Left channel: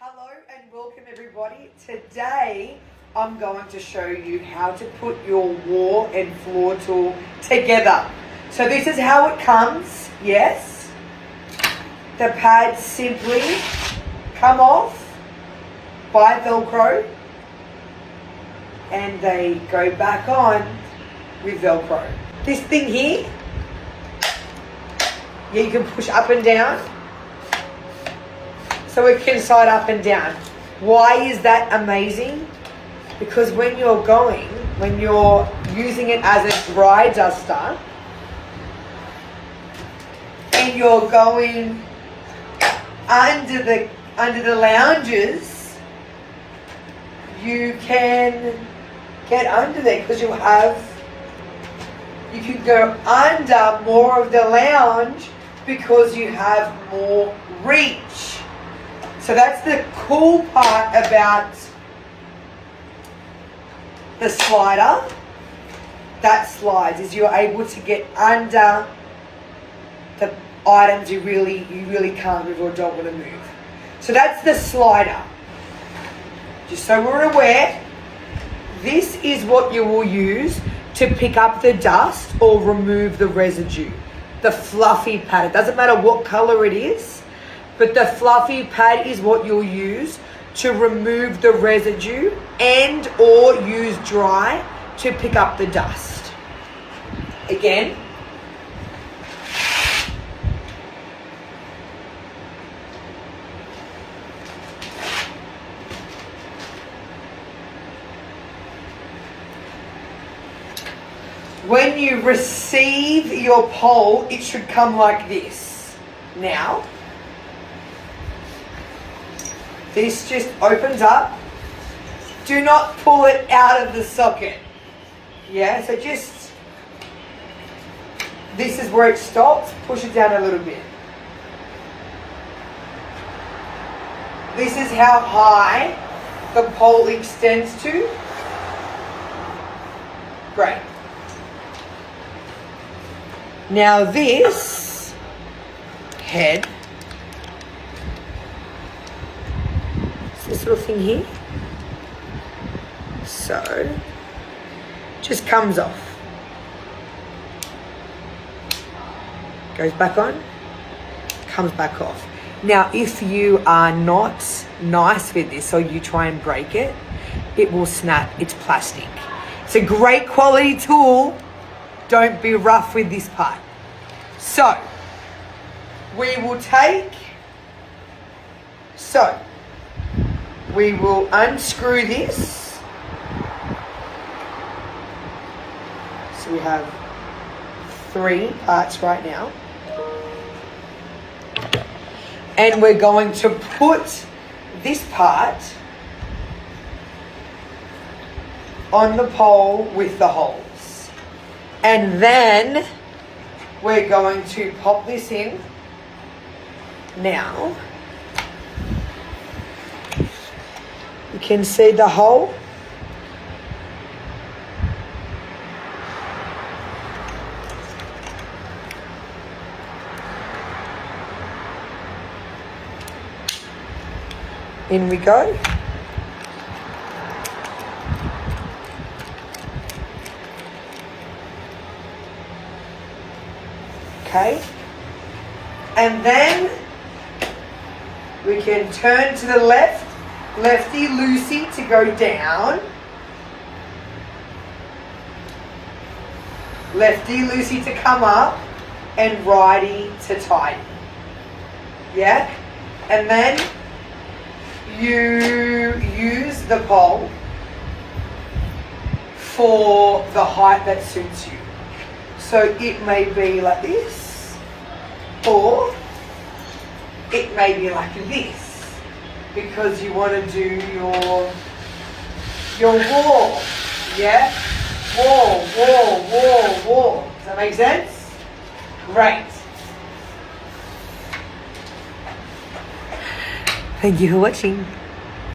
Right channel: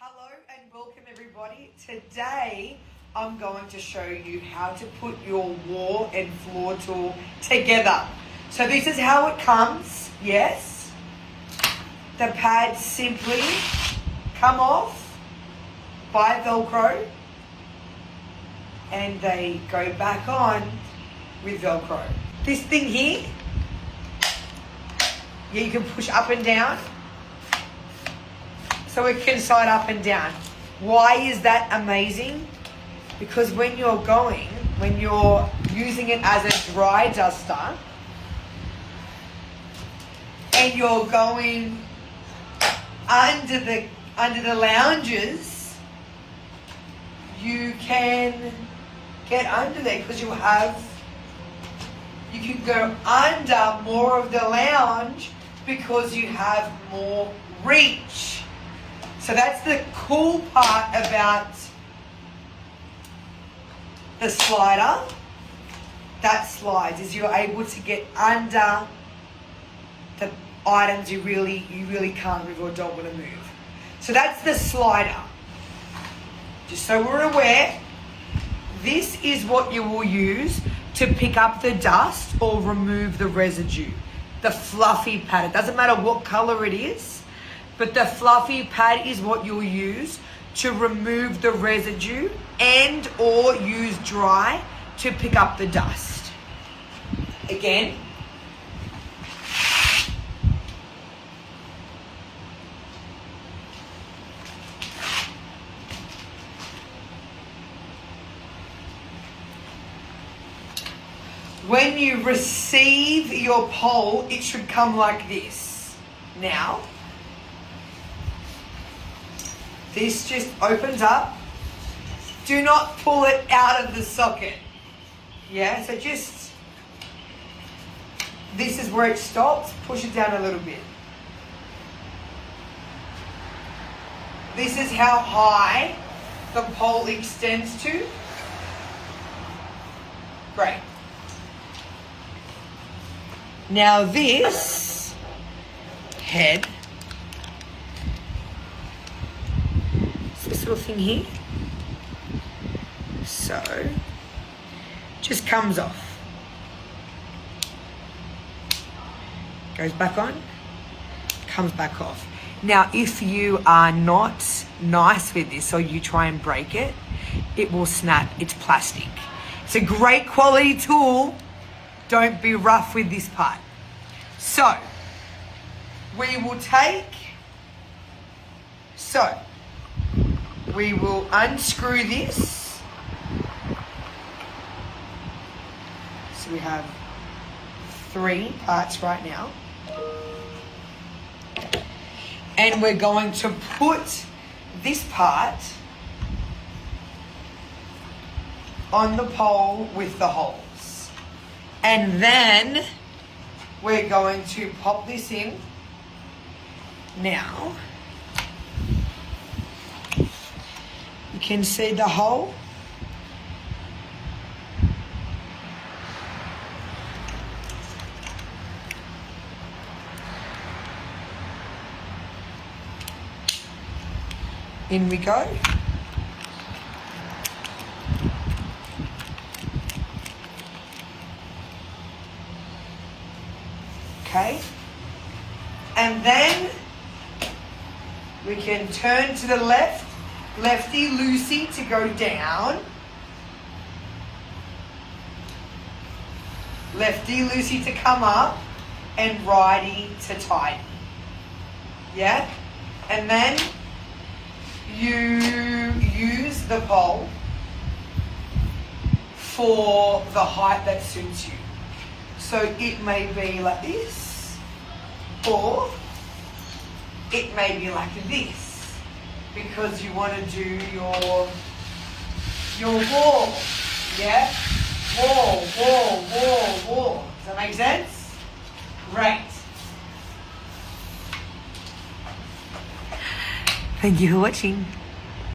Hello and welcome everybody. Today I'm going to show you how to put your wall and floor tool together. So this is how it comes, yes. The pads simply come off by Velcro and they go back on with Velcro. This thing here, yeah, you can push up and down. So it can slide up and down. Why is that amazing? Because when you're using it as a dry duster and you're going under the lounges, you can get under there because you can go under more of the lounge because you have more reach. So that's the cool part about the slider. That slides is you're able to get under the items you really can't move or don't want to move. So that's the slider. Just so we're aware, this is what you will use to pick up the dust or remove the residue. The fluffy pad. It doesn't matter what color it is. But the fluffy pad is what you'll use to remove the residue and or use dry to pick up the dust. Again. When you receive your pole, it should come like this. Now, this just opens up. Do not pull it out of the socket. Yeah, so just, this is where it stops. Push it down a little bit. This is how high the pole extends to. Great. Now this head, this little thing here, so just comes off, goes back on, comes back off. Now if you are not nice with this or you try and break it, it will snap. It's plastic. It's a great quality tool. Don't be rough with this part. So we will unscrew this. So we have 3 parts right now. And we're going to put this part on the pole with the holes. And then we're going to pop this in. Now, you can see the hole. In we go. Okay. And then we can turn to the left. Lefty-loosey to go down. Lefty-loosey to come up. And righty to tighten. Yeah? And then you use the pole for the height that suits you. So it may be like this, or it may be like this, because you want to do your wall, yeah? Wall. Does that make sense? Great. Thank you for watching.